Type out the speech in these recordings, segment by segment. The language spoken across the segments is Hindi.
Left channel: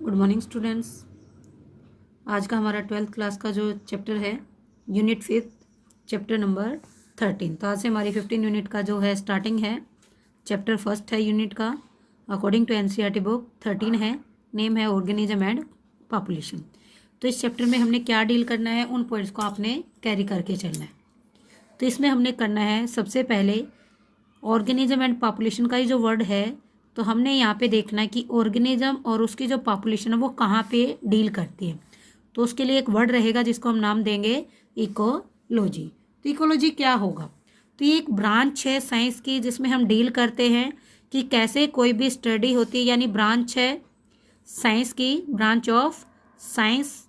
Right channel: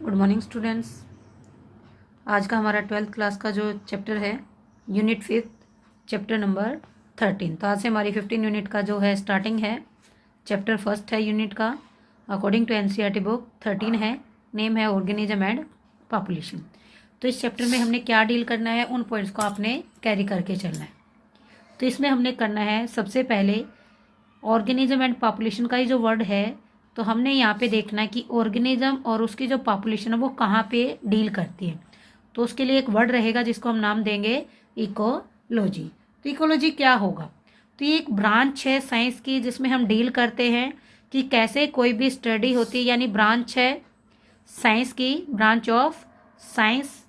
Good morning students. आज का हमारा 12th क्लास का जो चैप्टर है यूनिट 5 चैप्टर नंबर 13। तो आज से हमारी 15 यूनिट का जो है स्टार्टिंग है। चैप्टर फर्स्ट है यूनिट का, अकॉर्डिंग टू एनसीईआरटी बुक 13 है, नेम है ऑर्गेनिज्म एंड पॉपुलेशन। तो इस चैप्टर में हमने क्या डील करना है, उन पॉइंट्स को आपने कैरी करके चलना है। तो इसमें हमने करना है सबसे पहले ऑर्गेनिज्म एंड पॉपुलेशन का ही जो वर्ड है, तो हमने यहाँ पे देखना है कि ऑर्गेनिज्म और उसकी जो पॉपुलेशन है वो कहाँ पे डील करती है। तो उसके लिए एक वर्ड रहेगा जिसको हम नाम देंगे इकोलॉजी। तो इकोलॉजी क्या होगा? तो ये एक ब्रांच है साइंस की जिसमें हम डील करते हैं कि कैसे कोई भी स्टडी होती है, यानी ब्रांच है साइंस की, branch of science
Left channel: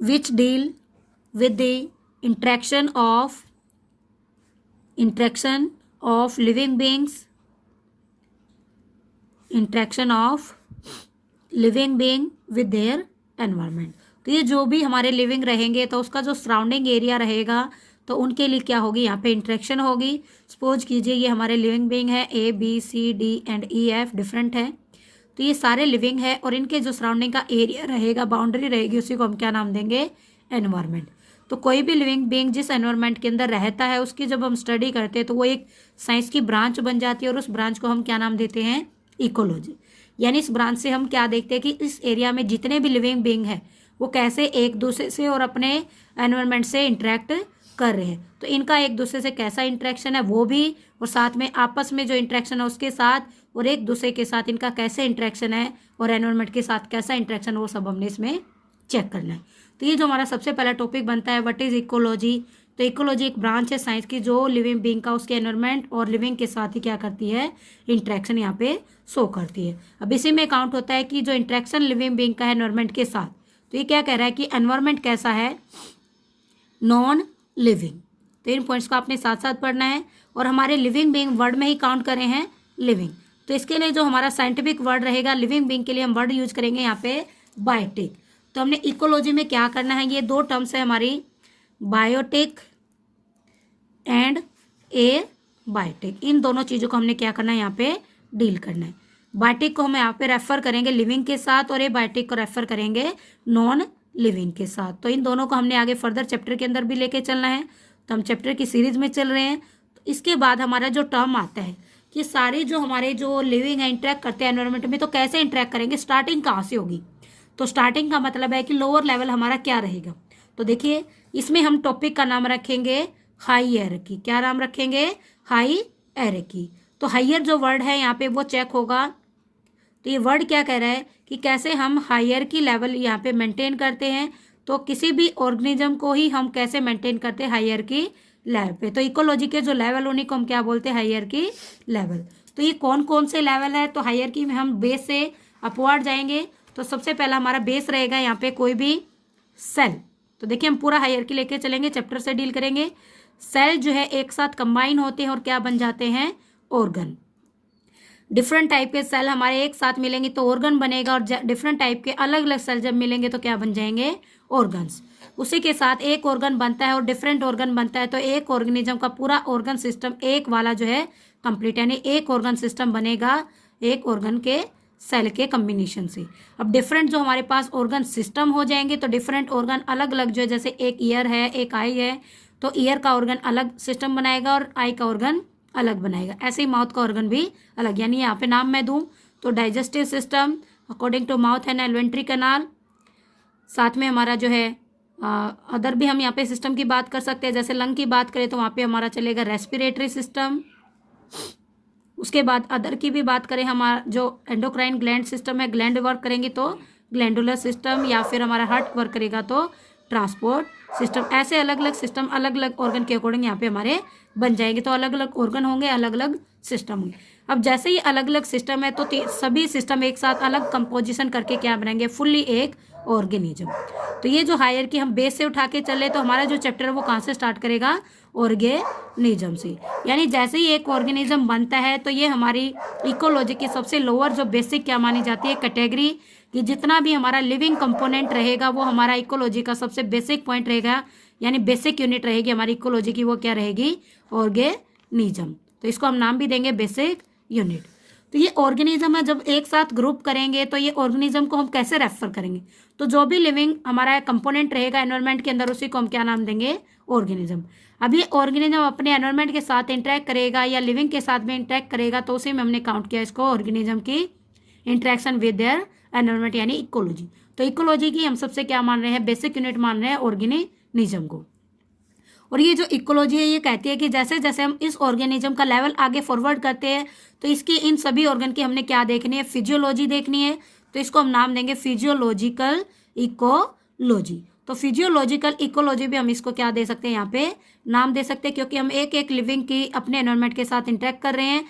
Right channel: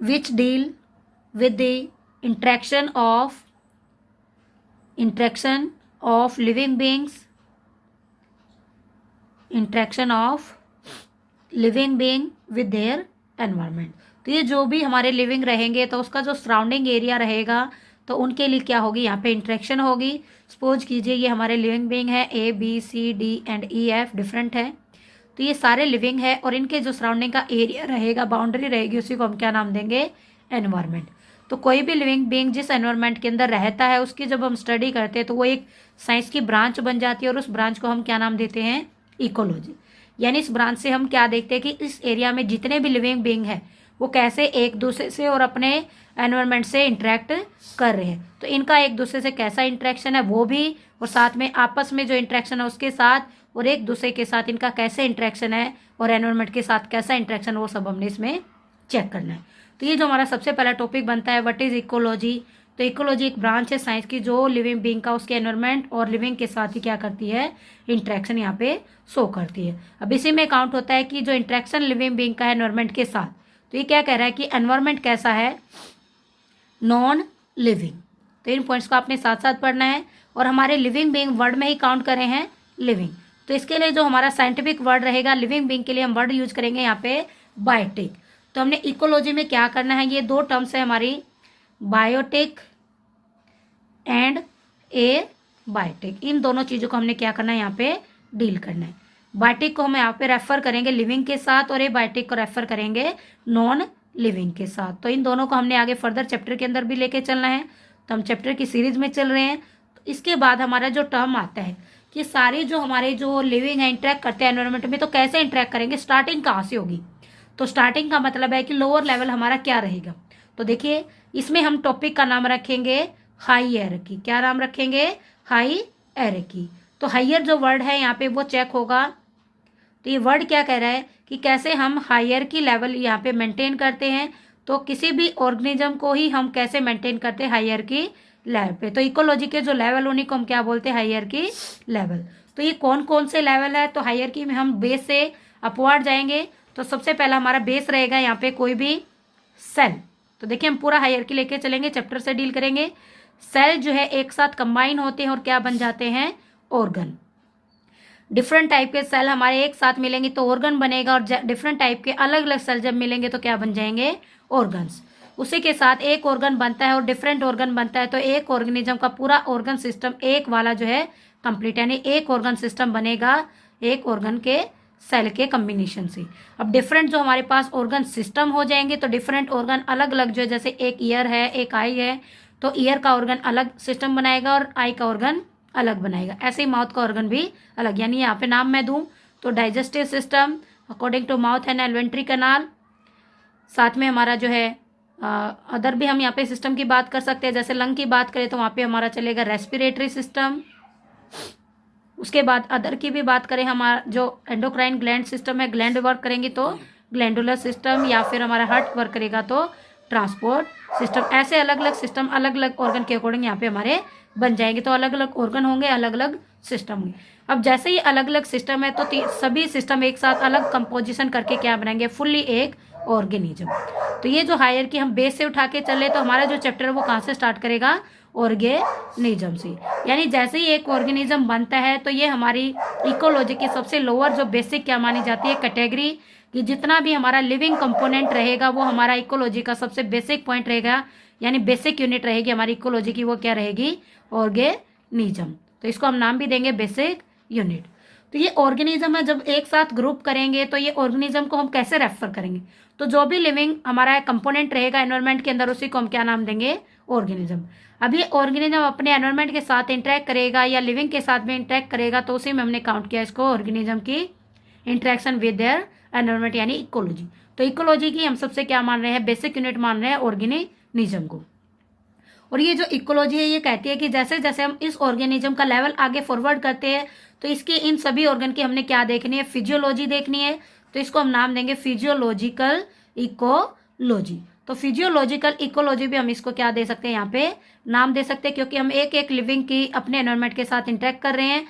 which deal with the interaction of living beings, interaction of living being with their environment. तो ये जो भी हमारे लिविंग रहेंगे तो उसका जो सराउंडिंग एरिया रहेगा तो उनके लिए क्या होगी, यहाँ पे इंटरेक्शन होगी। सपोज कीजिए ये हमारे लिविंग बीइंग है, A B C D and E F different है, तो ये सारे लिविंग है और इनके जो सराउंडिंग का एरिया रहेगा, बाउंड्री रहेगी, उसी को हम क्या नाम देंगे, एनवायरनमेंट। तो कोई भी लिविंग बीइंग जिस एनवायरनमेंट के अंदर रहता है उसकी जब हम स्टडी करते हैं तो वो एक साइंस की ब्रांच बन जाती है और उस ब्रांच को हम क्या नाम देते हैं, इकोलॉजी। यानी इस ब्रांच से हम क्या देखते हैं कि इस एरिया में जितने भी लिविंग बीइंग है वो कैसे एक दूसरे से और अपने एनवायरनमेंट से इंटरेक्ट कर रहे हैं। तो इनका एक दूसरे से कैसा इंटरेक्शन है वो भी, और साथ में आपस में जो इंटरेक्शन है उसके साथ, और एक दूसरे के साथ इनका कैसे इंटरेक्शन है और एनवायरनमेंट के साथ कैसा इंटरेक्शन, वो सब हमने इसमें चेक करना है। तो ये जो हमारा सबसे पहला टॉपिक बनता है, व्हाट इज इकोलॉजी। तो इकोलॉजी एक ब्रांच है साइंस की जो लिविंग बीइंग का उसके एनवायरनमेंट और लिविंग के साथ ही क्या करती है, इंटरेक्शन यहाँ पे शो करती है। अब इसी में काउंट होता है कि जो इंटरेक्शन लिविंग बीइंग का है एनवायरनमेंट के साथ, तो ये क्या कह रहा है कि एनवायरनमेंट कैसा है, नॉन लिविंग। तो इन पॉइंट्स को आपने साथ साथ पढ़ना है। और हमारे लिविंग बीइंग वर्ड में ही काउंट करे हैं लिविंग, तो इसके लिए जो हमारा साइंटिफिक वर्ड रहेगा लिविंग बीइंग के लिए हम वर्ड यूज करेंगे यहाँ पे बायोटिक। तो हमने इकोलॉजी में क्या करना है, ये दो टर्म्स है हमारी, बायोटिक एंड ए बायोटिक। इन दोनों चीज़ों को हमने क्या करना है, यहाँ पे डील करना है। बायोटिक को हम यहाँ पे रेफर करेंगे लिविंग के साथ और ए बायोटिक को रेफर करेंगे नॉन लिविंग के साथ। तो इन दोनों को हमने आगे फर्दर चैप्टर के अंदर भी लेके चलना है। तो हम चैप्टर की सीरीज में चल रहे हैं। तो इसके बाद हमारा जो टर्म आता है कि सारे जो हमारे जो लिविंग है इंटरेक्ट करते हैं एनवायरनमेंट में, तो कैसे इंटरेक्ट करेंगे, स्टार्टिंग कहाँ से होगी। तो स्टार्टिंग का मतलब है कि लोअर लेवल हमारा क्या रहेगा। तो देखिए इसमें हम टॉपिक का नाम रखेंगे हाई हायरार्की। क्या नाम रखेंगे, हाई हायरार्की। तो हायर जो वर्ड है यहाँ पे वो चेक होगा। तो ये वर्ड क्या कह रहा है कि कैसे हम हायरार्की लेवल यहाँ पे मेंटेन करते हैं। तो किसी भी ऑर्गेनिज्म को ही हम कैसे मेंटेन करते हैं, हायरार्की लेवल पे। तो इकोलॉजी के जो लेवल उन्हीं को हम क्या बोलते हैं, हायरार्की लेवल। तो ये कौन कौन से लेवल है, तो हायरार्की में हम बेस से अपवर्ड जाएंगे। तो सबसे पहला हमारा बेस रहेगा यहाँ पे कोई भी सेल। तो देखिए हम पूरा हायरार्की लेके चलेंगे, चैप्टर से डील करेंगे। सेल जो है एक साथ कंबाइन होते हैं और क्या बन जाते हैं, ऑर्गन। डिफरेंट टाइप के सेल हमारे एक साथ मिलेंगे तो ऑर्गन बनेगा, और डिफरेंट टाइप के अलग अलग सेल जब मिलेंगे तो क्या बन जाएंगे, ऑर्गन्स। उसी के साथ एक ऑर्गन बनता है और डिफरेंट ऑर्गन बनता है, तो एक ऑर्गेनिज्म का पूरा ऑर्गन सिस्टम एक वाला जो है कंप्लीट, यानी एक ऑर्गन सिस्टम बनेगा एक ऑर्गन के सेल के कम्बिनेशन से। अब डिफरेंट जो हमारे पास ऑर्गन सिस्टम हो जाएंगे तो डिफरेंट ऑर्गन अलग अलग जो है, जैसे एक ईयर है एक आई है, तो ईयर का ऑर्गन अलग सिस्टम बनाएगा और आई का ऑर्गन अलग बनाएगा। ऐसे ही माउथ का ऑर्गन भी अलग, यानी यहाँ पे नाम मैं दूं तो digestive system according to mouth and alimentary canal. साथ में हमारा जो है अदर भी हम यहाँ पे सिस्टम की बात कर सकते हैं, जैसे लंग की बात करें तो वहाँ पे हमारा चलेगा रेस्पिरेटरी सिस्टम। उसके बाद अदर की भी बात करें, हमारा जो एंडोक्राइन ग्लैंड सिस्टम है, ग्लैंड वर्क करेंगी तो ग्लैंडुलर सिस्टम, या फिर हमारा हार्ट वर्क करेगा तो ट्रांसपोर्ट सिस्टम। ऐसे अलग अलग सिस्टम अलग अलग ऑर्गन के अकॉर्डिंग यहाँ पे हमारे बन जाएंगे। तो अलग अलग ऑर्गन होंगे, अलग अलग सिस्टम होंगे। अब जैसे ही अलग अलग सिस्टम है तो सभी सिस्टम एक साथ अलग कंपोजिशन करके क्या बनाएंगे, फुल्ली एक ऑर्गेनिज्म। तो ये जो हायरार्की हम बेस से उठा के चले तो हमारा जो चैप्टर है वो कहाँ से स्टार्ट करेगा, ऑर्गेनिज्म से। यानी जैसे ही एक ऑर्गेनिज्म बनता है तो ये हमारी इकोलॉजी की सबसे लोअर जो बेसिक क्या मानी जाती है, कैटेगरी, कि जितना भी हमारा लिविंग कंपोनेंट रहेगा वो हमारा इकोलॉजी का सबसे बेसिक पॉइंट रहेगा, यानी बेसिक यूनिट रहेगी हमारी इकोलॉजी की, वो क्या रहेगी, ऑर्गेनिज्म। तो इसको हम नाम भी देंगे बेसिक यूनिट। तो ये ऑर्गेनिज्म है, जब एक साथ ग्रुप करेंगे तो ये ऑर्गेनिज्म को हम कैसे रेफर करेंगे, तो जो भी लिविंग हमारा कंपोनेंट रहेगा एनवायरमेंट के अंदर उसी को हम क्या नाम देंगे, ऑर्गेनिज्म। अब ये ऑर्गेनिज्म अपने एनवायरमेंट के साथ इंटरेक्ट करेगा या लिविंग के साथ में इंटरेक्ट करेगा, तो उसी में हमने काउंट किया इसको ऑर्गेनिज्म की इंटरेक्शन विद देयर एनवायरमेंट, यानी इकोलॉजी। तो इकोलॉजी की हम सबसे क्या मान रहे हैं, बेसिक यूनिट मान रहे हैं ऑर्गेनिज्म को। और ये जो इकोलॉजी है ये कहती है कि जैसे जैसे हम इस ऑर्गेनिज्म का लेवल आगे फॉरवर्ड करते हैं तो इसके इन सभी ऑर्गन की हमने क्या देखनी है, फिजियोलॉजी देखनी है। तो इसको हम नाम देंगे फिजियोलॉजिकल इकोलॉजी। तो फिजियोलॉजिकल इकोलॉजी भी हम इसको क्या दे सकते हैं, यहाँ पे नाम दे सकते हैं, क्योंकि हम एक एक लिविंग की अपने एनवायरमेंट के साथ इंटरेक्ट कर रहे हैं,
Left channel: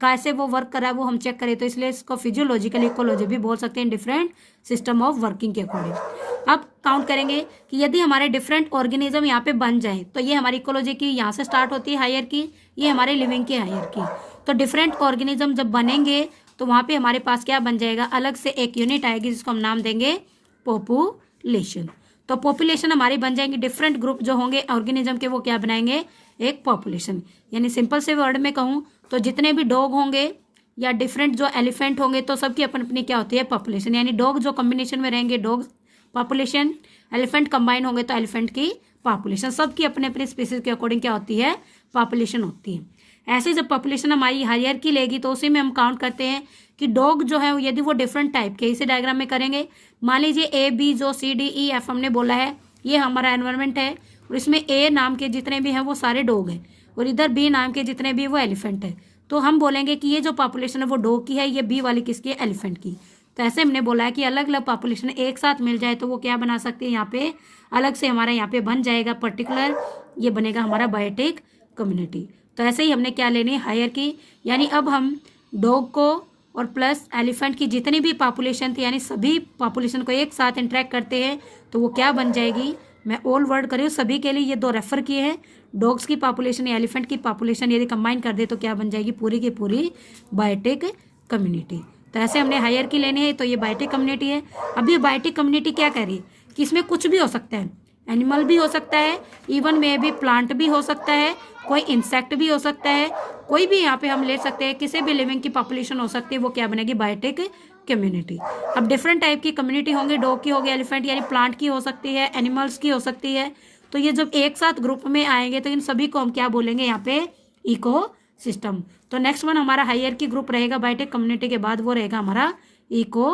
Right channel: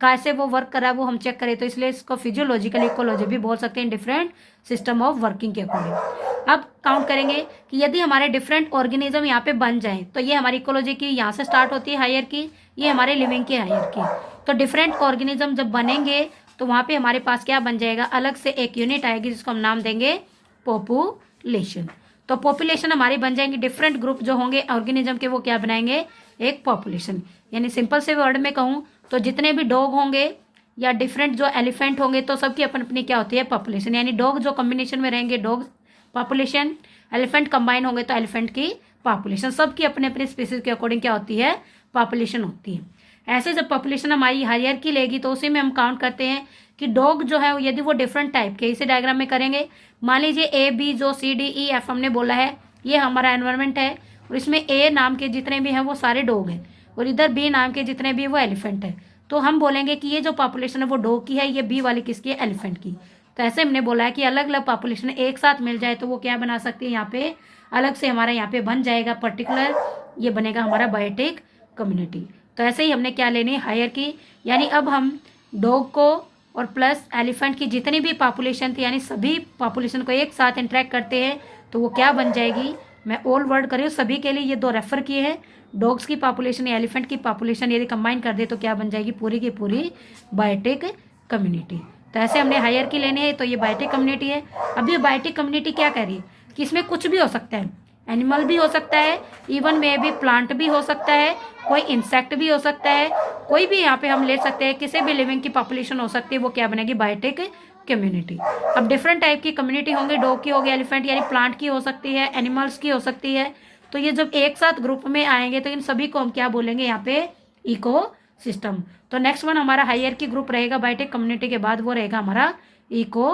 कैसे वो वर्क कर रहा है वो हम चेक करें, तो इसलिए इसको फिजियोलॉजिकल इकोलॉजी भी बोल सकते हैं, डिफरेंट सिस्टम ऑफ वर्किंग के अकॉर्डिंग। अब काउंट करेंगे कि यदि हमारे डिफरेंट ऑर्गेनिज्म यहाँ पे बन जाए तो ये हमारी इकोलॉजी की यहाँ से स्टार्ट होती है हायरार्की, ये हमारे लिविंग की हायरार्की। तो डिफरेंट ऑर्गेनिज्म जब बनेंगे तो वहाँ पे हमारे पास क्या बन जाएगा, अलग से एक यूनिट आएगी जिसको हम नाम देंगे पॉपुलेशन। तो पॉपुलेशन हमारी बन जाएंगी, डिफरेंट ग्रुप जो होंगे ऑर्गेनिज्म के वो क्या बनाएंगे, एक पॉपुलेशन। यानी सिंपल से वर्ड में कहूँ तो जितने भी डॉग होंगे या डिफरेंट जो एलिफेंट होंगे तो सबकी अपनी अपनी क्या होती है, पॉपुलेशन। यानी डॉग जो कॉम्बिनेशन में रहेंगे डॉग पॉपुलेशन, एलिफेंट कंबाइन होंगे तो एलिफेंट की पॉपुलेशन, सबकी अपने अपने स्पीसीज के अकॉर्डिंग क्या होती है, पॉपुलेशन होती है। ऐसे जब पॉपुलेशन हमारी हायरार्की लेगी तो उसी में हम काउंट करते हैं कि डॉग जो है यदि वो डिफरेंट टाइप के, इसे डायग्राम में करेंगे। मान लीजिए ए बी जो सी डी ई एफ हमने बोला है ये हमारा एनवायरमेंट है, और इसमें ए नाम के जितने भी हैं वो सारे डॉग हैं, और इधर बी नाम के जितने भी वो एलिफेंट है। तो हम बोलेंगे कि ये जो पॉपुलेशन है वो डॉग की है, ये बी वाली किसकी है, एलिफेंट की। तो ऐसे हमने बोला है कि अलग अलग पॉपुलेशन एक साथ मिल जाए तो वो क्या बना सकते हैं, यहाँ पे अलग से हमारा यहाँ पे बन जाएगा पर्टिकुलर, ये बनेगा हमारा बायोटिक कम्युनिटी। तो ऐसे ही हमने क्या लेनी है, हायरार्की। यानी अब हम डॉग को और प्लस एलिफेंट की जितनी भी पॉपुलेशन थी, यानी सभी पॉपुलेशन को एक साथ इंटरेक्ट करते हैं तो वो क्या बन जाएगी, मैं ऑल वर्ड कर रही हूँ सभी के लिए, ये दो रेफर किए हैं। डॉग्स की पॉपुलेशन या एलिफेंट की पॉपुलेशन यदि कंबाइन कर दे तो क्या बन जाएगी, पूरी की पूरी बायोटिक कम्युनिटी। तो ऐसे हमने हायरार्की लेनी है, तो ये बायोटिक कम्युनिटी है। अभी बायोटिक कम्युनिटी क्या कह रही है कि इसमें कुछ भी हो सकता है, एनिमल भी हो सकता है, इवन में भी प्लांट भी हो सकता है, कोई इंसेक्ट भी हो सकता है, कोई भी यहाँ पे हम ले सकते हैं, किसी भी लिविंग की पॉपुलेशन हो सकती है, वो क्या बनेगी, बायोटिक कम्युनिटी। अब डिफरेंट टाइप की कम्युनिटी होंगे, डॉग की होगी, एलिफेंट यानी प्लांट की हो सकती है, एनिमल्स की हो सकती है। तो ये जब एक साथ ग्रुप में आएंगे तो इन सभी को हम क्या बोलेंगे, यहाँ पे इको सिस्टम। तो नेक्स्ट वन हमारा हायरार्की ग्रुप रहेगा बायोटिक कम्युनिटी के बाद, वो रहेगा हमारा इको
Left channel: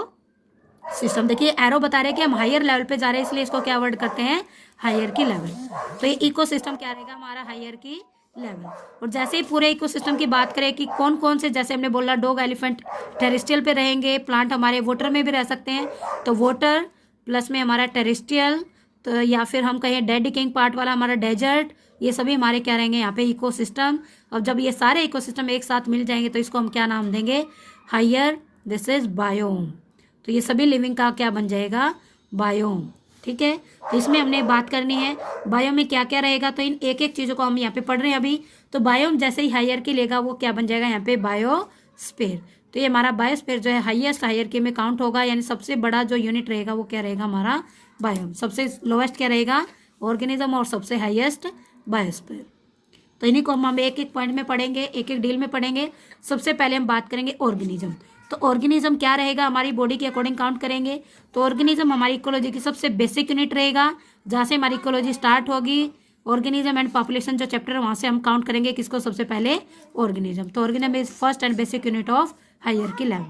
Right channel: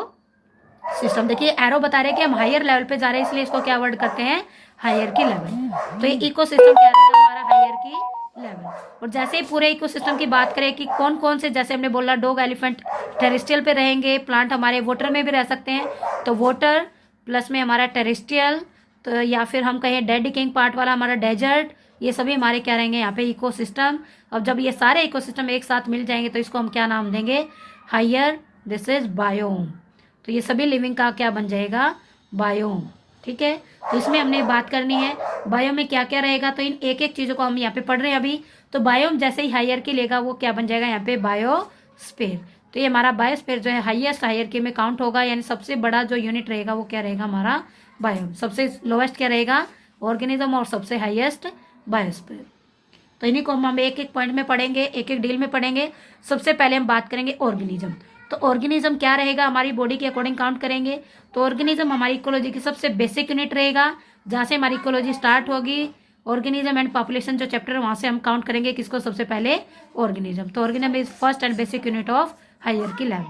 सिस्टम। देखिए एरो बता रहे हैं कि हम हायर लेवल पे जा रहे हैं, इसलिए इसको क्या वर्ड करते हैं, हायरार्की लेवल। तो ये इको सिस्टम क्या रहेगा, हमारा हायरार्की लेवल। और जैसे ही पूरे इकोसिस्टम की बात करें कि कौन कौन से, जैसे हमने बोला डॉग एलिफेंट टेरेस्ट्रियल पे रहेंगे, प्लांट हमारे वाटर में भी रह सकते हैं, तो वाटर प्लस में हमारा टेरेस्ट्रियल, तो या फिर हम कहें डेड डिकेइंग पार्ट वाला हमारा डेजर्ट, ये सभी हमारे क्या रहेंगे यहाँ पे इकोसिस्टम। अब जब ये सारे इकोसिस्टम एक साथ मिल जाएंगे तो इसको हम क्या नाम देंगे, हायर, दिस इज बायोम। तो ये सभी लिविंग का क्या बन जाएगा, बायोम। ठीक है, तो इसमें हमने बात करनी है बायोम में क्या क्या रहेगा, तो इन एक एक चीज़ों को हम यहाँ पे पढ़ रहे हैं अभी। तो बायोम जैसे ही हायरार्की लेगा वो क्या बन जाएगा यहाँ पे, बायोस्फीयर। तो ये हमारा बायोस्फीयर जो है हाईएस्ट हायरार्की में काउंट होगा, यानी सबसे बड़ा जो यूनिट रहेगा वो क्या रहेगा, हमारा बायोम। सबसे लोएस्ट क्या रहेगा, ऑर्गेनिज्म, और सबसे हाईएस्ट बायोस्फीयर। तो इन्हीं को हम एक एक पॉइंट में पढ़ेंगे, एक एक डील में पढ़ेंगे। सबसे पहले हम बात करेंगे ऑर्गेनिज्म। तो ऑर्गेनिज्म क्या रहेगा, हमारी बॉडी के अकॉर्डिंग काउंट करेंगे। तो ऑर्गेनिज्म हमारी इकोलॉजी की सबसे बेसिक यूनिट रहेगा, जहाँ से हमारी इकोलॉजी स्टार्ट होगी। ऑर्गेनिज्म एंड पॉपुलेशन जो चैप्टर है वहाँ से हम काउंट करेंगे किसको, सबसे पहले ऑर्गेनिज्म। तो organism is first and basic unit of hierarchy level.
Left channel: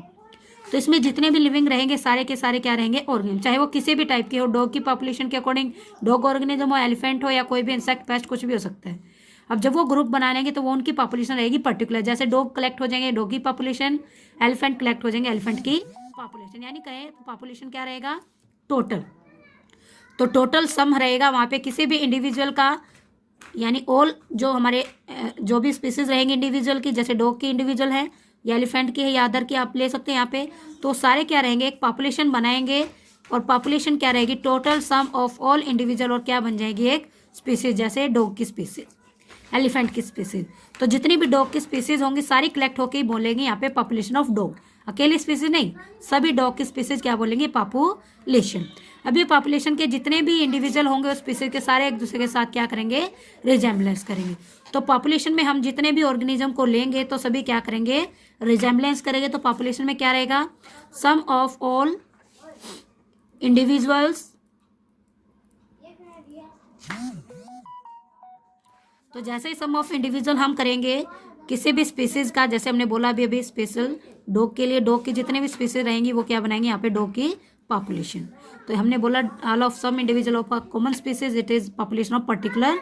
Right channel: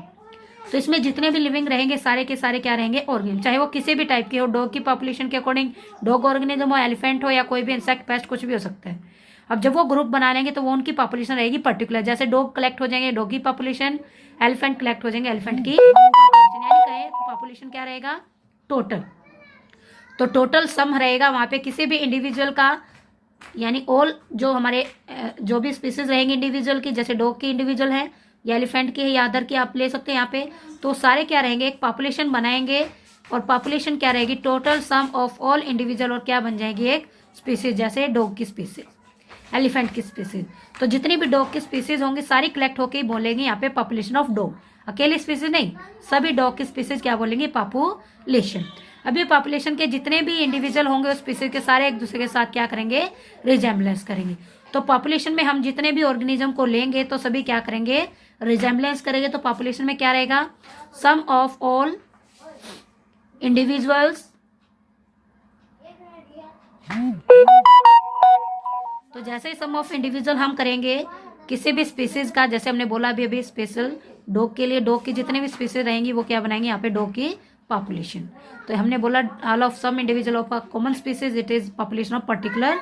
तो इसमें जितने भी लिविंग रहेंगे सारे के सारे क्या रहेंगे, ऑर्गेनिज्म, चाहे वो किसी भी टाइप के हो, डॉग की पॉपुलेशन के अकॉर्डिंग डॉग ऑर्गेनिज्म हो, एलिफेंट हो, या कोई भी इंसेक्ट, पेस्ट, कुछ भी हो सकता है। अब जब वो ग्रुप बना लेंगे तो वो उनकी पॉपुलेशन रहेगी पर्टिकुलर, जैसे डॉग कलेक्ट हो जाएंगे डॉग की पॉपुलेशन, एलिफेंट कलेक्ट हो जाएंगे एलिफेंट की पॉपुलेशन, यानी कहे पॉपुलेशन क्या रहेगा, टोटल। तो टोटल सम रहेगा वहाँ पे किसी भी इंडिविजुअल का, यानी ऑल जो हमारे जो भी स्पीसीज रहेंगे इंडिविजुअल की, जैसे डॉग की इंडिविजुअल है या एलिफेंट की है या अदर की आप ले सकते हैं यहाँ पे, तो सारे क्या रहेंगे, एक पॉपुलेशन बनाएंगे। और पॉपुलेशन क्या रहेगी, total sum of all individual, और क्या बन जाएगी, एक स्पीसीज, जैसे डॉग की स्पीसीज, एलिफेंट की स्पीसीज। तो जितनी भी डॉग की स्पीसीज होंगी सारी कलेक्ट होकर ही बोलेंगे यहाँ पे पॉपुलेशन ऑफ डॉग, अकेली स्पीसीज नहीं, सभी डॉग की स्पीसीज क्या बोलेंगे, पॉपुलेशन। अभी पॉपुलेशन के जितने भी इंडिविजुअल होंगे उस स्पीसीज के सारे एक दूसरे के साथ क्या करेंगे, रिजेम्बलेंस करेंगे। तो पॉपुलेशन में हम जितने भी ऑर्गेनिज्म को लेंगे तो सभी क्या करेंगे, रिजेम्बलेंस करेंगे तो पॉपुलेशन में क्या रहेगा, सम ऑफ ऑल इंडिविजुअल्स, तो जैसे ही सम ऑफ इंडिविजुअल हम करेंगे किसी भी स्पीसीज का, जैसे हमने बोला अभी स्पेशल डॉग के लिए, डॉग की जितने भी स्पीसीज रहेंगी वो क्या बनाएंगे यहाँ पे डॉग की पॉपुलेशन। तो हमने बोला all of some individual of a common species it is population of particular,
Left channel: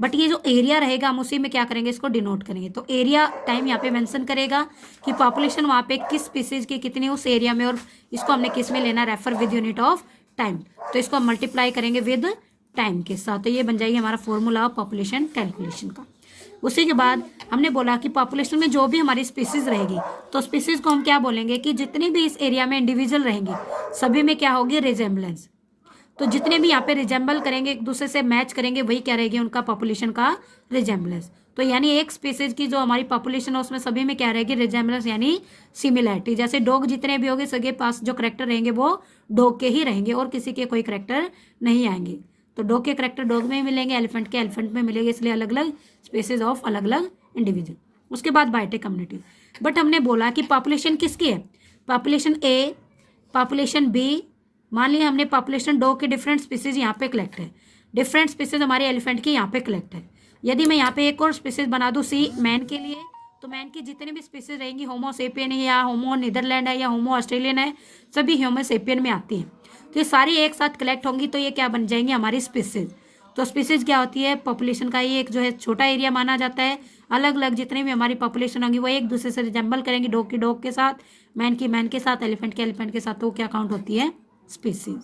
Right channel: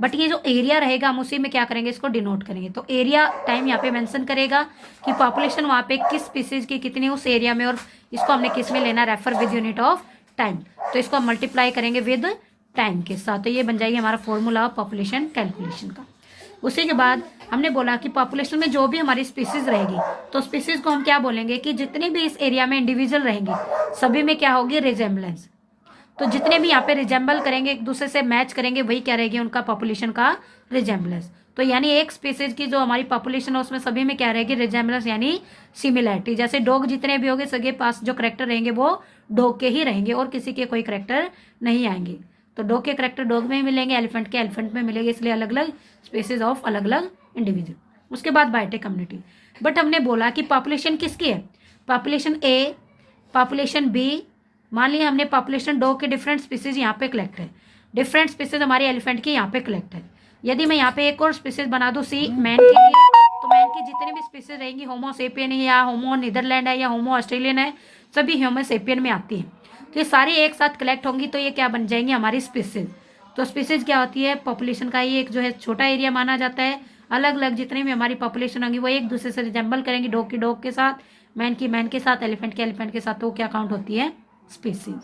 but ये जो एरिया रहेगा हम उसी में क्या करेंगे, इसको डिनोट करेंगे। तो एरिया टाइम यहाँ पे मेंशन करेगा कि पॉपुलेशन वहाँ पे किस स्पीसीज की कितनी उस एरिया में, और इसको हमने किस में लेना, refer with unit of time, तो इसको हम मल्टीप्लाई करेंगे विद टाइम के साथ। तो ये बन जाएगी हमारा फॉर्मूला ऑफ पॉपुलेशन कैलकुलेशन का। उसी के बाद हमने बोला कि पॉपुलेशन में जो भी हमारी स्पीसीज रहेगी तो स्पीसीज को हम क्या बोलेंगे कि जितने भी इस एरिया में इंडिविजुअल रहेंगे सभी में क्या होगी, रिजेम्बलेंस। तो जितने भी यहाँ पे रिजेम्बल करेंगे, एक दूसरे से मैच करेंगे, वही क्या रहेगी उनका पॉपुलेशन का रिजेम्बलेंस। तो यानी एक स्पीसीज की जो हमारी पॉपुलेशन है उसमें सभी में क्या रहेगी, रिजेम्बलेंस यानी सिमिलैरिटी। जैसे डॉग जितने भी होंगे सबके पास जो करेक्टर रहेंगे वो डॉग के ही रहेंगे और किसी के कोई करेक्टर नहीं आएंगे। तो डॉग के करेक्टर डॉग में ही मिलेंगे, एलिफेंट के एलिफेंट में मिलेंगे, इसलिए अलग अलग स्पीसीज ऑफ अलग अलग इंडिविजुअल। उसके बाद बायोटिक कम्युनिटी, बट हमने बोला कि पॉपुलेशन किसकी है, पॉपुलेशन ए, पॉपुलेशन बी। मान लिया हमने पॉपुलेशन डॉग के डिफरेंट स्पीसीज यहाँ पे कलेक्ट है, डिफरेंट स्पीसीज हमारे एलिफेंट की यहाँ पे कलेक्ट है। यदि मैं यहाँ पे एक और स्पीसीज बना दूँ सी मैन के लिए, तो मैन की जितनी भी स्पीसीज रहेंगी, होमो सेपियन है या होमो नीदरलैंड है या होमो ऑस्ट्रेलियन है, सभी होमो सेपियन में आती हैं। तो ये सारी एक साथ कलेक्ट होंगी तो ये क्या बन जाएंगी, हमारी स्पीसीज। तो स्पीसीज क्या होती है, पॉपुलेशन का ये एक जो है छोटा एरिया माना जाता है। अलग अलग जितने भी हमारी पॉपुलेशन होंगी वो एक दूसरे से रिजेंबल करेंगी, डॉग की डॉग के साथ, मैन की मैन के साथ, एलिफेंट के एलिफेंट के साथ, तो क्या काउंट होती है, स्पीसीज।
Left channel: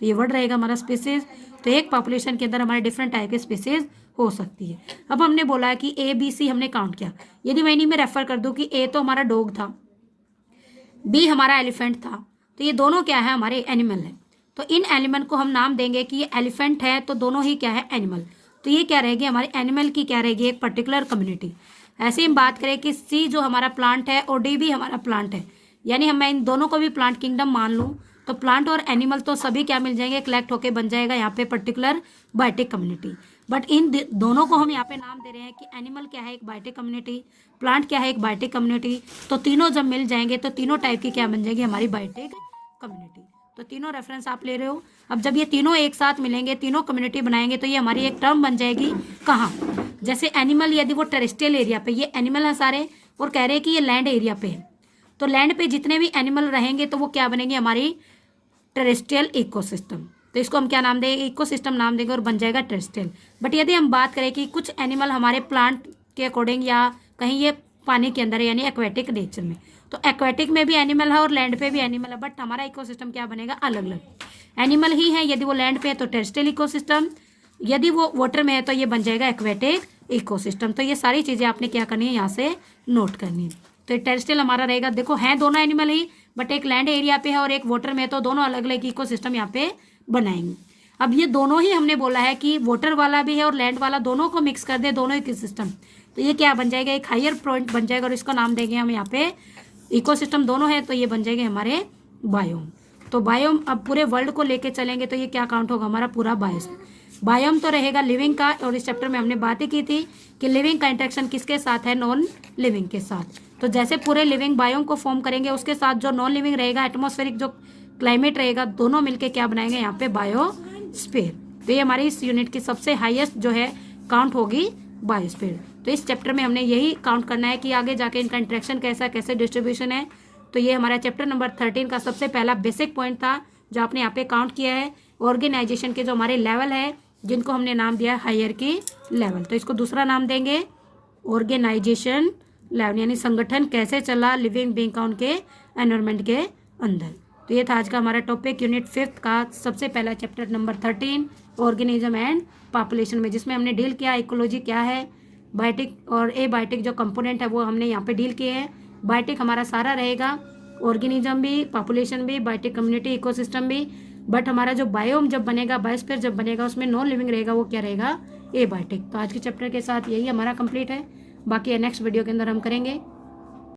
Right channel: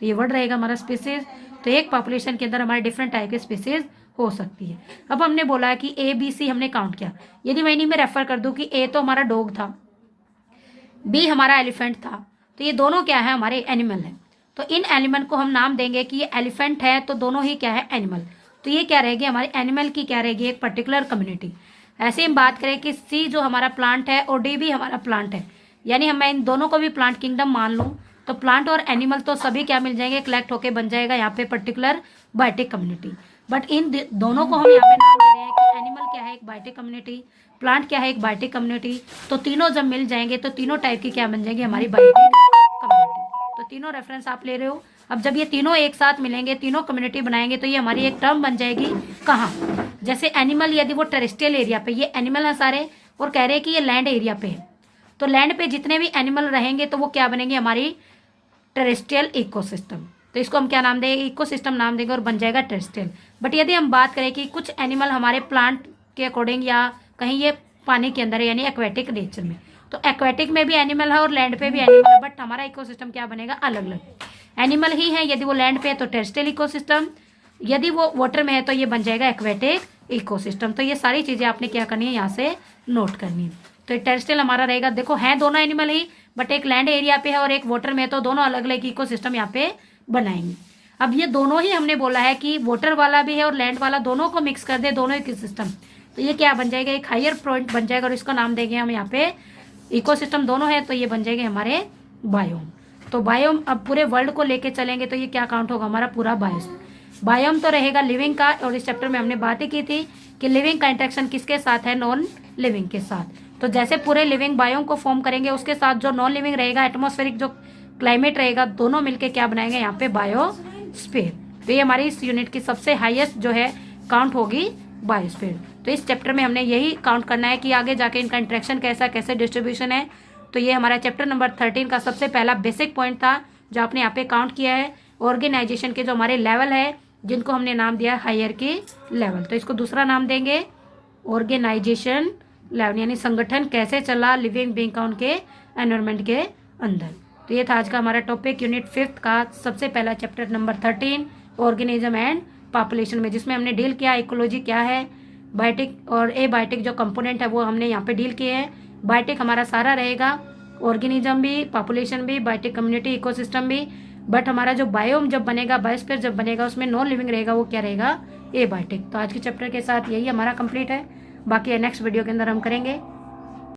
तो ये वर्ड रहेगा हमारा स्पीसीज। तो एक पॉपुलेशन के अंदर हमारे डिफरेंट टाइप के स्पीसीज हो सकती है। अब हमने बोला कि ए बी सी हमने काउंट किया। यदि मैं इन्हीं में रेफर कर दूं कि ए तो हमारा डॉग था, बी हमारा एलिफेंट था, तो ये दोनों क्या है, हमारे एनिमल है। तो इन एनिमल को हम नाम देंगे कि ये एलिफेंट है तो दोनों ही क्या है, एनिमल। तो ये क्या रहेगी, हमारे एनिमल की क्या रहेगी, एक पर्टिकुलर कम्युनिटी। ऐसे हम बात करें कि सी जो हमारा प्लांट है और डी भी हमारा प्लांट है, यानी हम इन दोनों को भी प्लांट किंगडम मान लूँ, तो प्लांट और एनिमल तो सभी क्या मिल जाएंगे, कलेक्ट होके बन जाएगा यहाँ पे पर्टिकुलर बायोटिक कम्युनिटी। बट इन दोनों को हम यहाँ पे नाम दे रहे हैं कि एनिमल क्या है, एक बायोटिक कम्युनिटी, प्लांट क्या है, एक बायोटिक कम्युनिटी। तो तीनों जब मिल जाएंगे तो तीनों टाइप की क्या बन जाएगी, हमारी बायोटिक कम्युनिटी। तो तीनों रेफरेंस आप ले रहे हो। अब जब ये तीनों एक साथ मिलेंगे, तीनों कम्युनिटी बनाएंगे, तो ये हमारी एक टर्म बन जाएगी कहाँ, जैसे एनिमल यदि वो टेरेस्ट्रियल एरिया पे, ये एनिमल है सारे, और कह रहे हैं कि ये लैंड एरिया पे है, तो लैंड पे जितने भी एनिमल रहेंगे तो वो क्या बनेंगे, हमारी टेरेस्ट्रियल इकोसिस्टम। तो इसको हम क्या नाम देंगे, इकोसिस्टम नाम देंगे और बन जाएगा टेरेस्ट्रियल। बट यदि हम बात करें कि कुछ एनिमल हमारे प्लांट के अकॉर्डिंग या कहीं ये पानी के अंदर है यानी एक्वेटिक नेचर में, तो एक्वेटिक में भी एनिमल है और लैंड पे भी एनिमल है, बट हमारा इकोसिस्टम क्या बनेगा, अलग अलग। एनिमल ही है यदि वो लैंड पे है तो टेरेस्ट्रियल इकोसिस्टम, यदि वो वाटर में है तो ये बन जाएगा एक्वेटिक इकोसिस्टम। तो ये सारी चीजें आपने क्या करनी है, यहाँ से नोट करनी है। तो टेरेस्ट्रियल हमारा रहेगा, देखो है दोनों एनिमल ही, बट एक लैंड एरिया पे है और एक वाटर में है, तो दोनों अलग अलग इकोसिस्टम यहाँ पे बनाएंगे। अब ये दोनों ही हमने बोला है कि वाटर वाला भी है और लैंड वाला, दोनों को मिक्स कर दे, दोनों इकोसिस्टम, तो ये क्या बन जाएगा, एक हायर पॉइंट बन जाएगा और इसका नाम देंगे हम यहाँ पे इकोसिस्टम दोनों है, तो ये बन जाएंगे हमारे बायोम। तो बायोम अब पूरे वर्ल्ड को लेके चलेंगे तो ये क्या काउंट होगा, हमारा पूरा बायोम तो रहेगा लिविंग का। और इस चैप्टर में हमने बातें की थी कि लिविंग का इंटरेक्शन किसके साथ है, नॉन लिविंग के साथ। तो जैसे पूरे लिविंग बायोम को फॉर्म करेंगे, उसके साथ जो नॉन लिविंग रहेगा, एटमॉस्फेरिक जो क्लाइमेट रहेगा, दोनों मिलके क्या बनाएंगे यहाँ पे, बायोस्फीयर। तो ये हमारी इस यूनिट की सबसे हाईएस्ट जो है काउंट होगी बायोस्फीयर। तो इस चैप्टर में हमने यही काउंट करना है कि आगे जाके इनका इंटरेक्शन कैसा, कैसे डिस्ट्रीब्यूशन है। तो ये हमारा चैप्टर नंबर 13 का सबसे पहला बेसिक पॉइंट था जो आपने यहाँ पे काउंट किया है। ऑर्गेनाइजेशन के जो हमारे लेवल है जिनको हमने नाम दिया हायरार्की लेवल, तो इसको दूसरा नाम देंगे ऑर्गेनाइजेशन लेवल, यानी संगठन कैसे चला लिविंग बीइंग का उनके एनवायरनमेंट के अंदर। तो ये था आज का हमारा टॉपिक यूनिट 5 का सबसे पहला chapter number 13 organism and population में, जिसमें हमने डील किया इकोलॉजी क्या है, बायोटिक और ए बायोटिक जो कंपोनेंट है वो हमने यहाँ पे डील किए हैं। बायोटिक हमारा सारा रहेगा, ऑर्गेनिज्म भी, पॉपुलेशन भी, बायोटिक कम्युनिटी, इकोसिस्टम भी। बट हमारा जो बायोम जब बनेगा, बायोस्फीयर जब बनेगा, उसमें नॉन लिविंग रहेगा, वो क्या रहेगा, ए बायोटिक। तो आज के चैप्टर के साथ यही हमारा कंप्लीट है, बाकी नेक्स्ट वीडियो के अंदर हम करेंगे।